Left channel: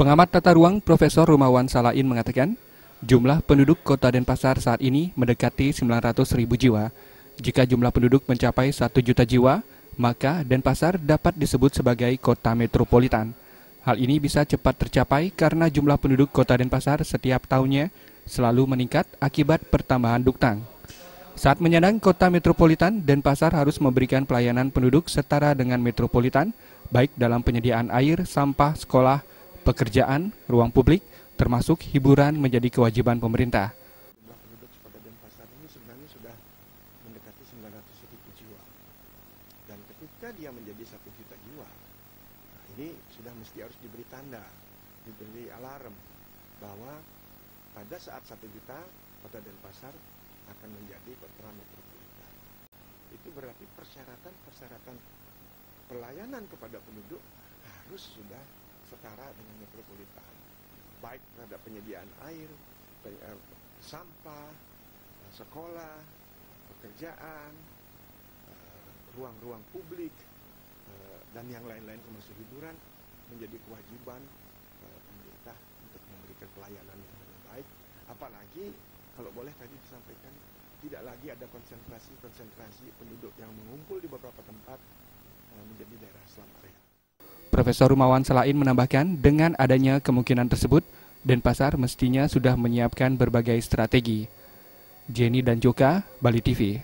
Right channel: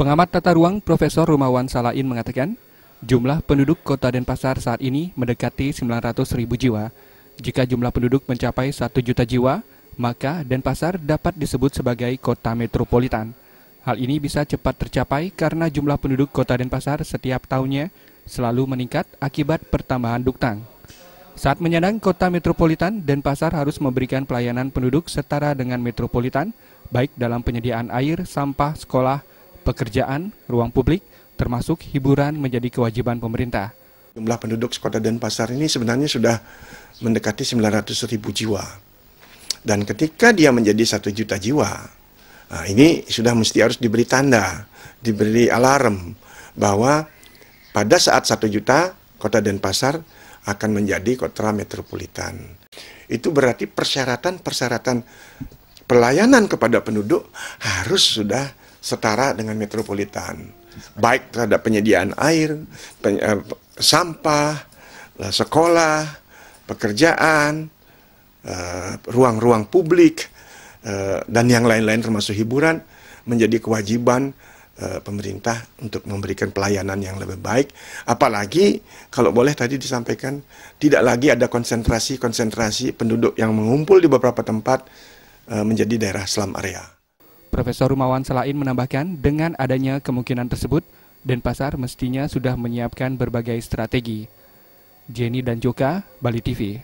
Pengamat tata ruang Profesor Rumawan Salain mengatakan, jumlah penduduk Kota Denpasar saat ini mendekati 900.000 jiwa. Jika jumlah penduduk mencapai 1 juta jiwa, maka Denpasar dapat disebut sebagai kota metropolitan. Hal ini bisa cepat tercapai karena jumlah penduduk Kota Denpasar setiap tahunnya selalu meningkat akibat pertambahan duktang. Saat menyandang kota metropolitan, Denpasar harus memberikan pelayanan penduduk setara dengan metropolitan, baik dalam penyediaan air, sampah, sekolah, pekerjaan, ruang publik, termasuk hiburan menjadi kewajiban pemerintah. Jumlah penduduk Kota Denpasar ini sebenarnya sudah mendekati 900.000 jiwa. Dan ketika dia menjadi 1 juta jiwa, nah ini sudah mesti harus diberi tanda, diberi alarm bahwa pada saat 1 juta, Kota Denpasar akan menjadi kota metropolitan. Itu berarti persyaratan pelayanan kepada penduduk harus sudah setara dengan metropolitan. Baik terhadap penyediaan air, sampah, sekolah, pekerjaan, ruang-ruang publik, dan yang lain-lain termasuk hiburan, menjadi kewajiban pemerintah untuk memberikan pelayanan yang lebih baik. Apalagi kalau boleh tadi disampaikan, tidak lagi ada konsentrasi penduduk yang mengumpul di beberapa tempat menjadi daerah slum area. Profesor Rumawan Salain menambahkan, dengan adanya kemungkinan tersebut, Denpasar mestinya sudah menyiapkan berbagai strategi. Jenny dan Joka, Bali TV.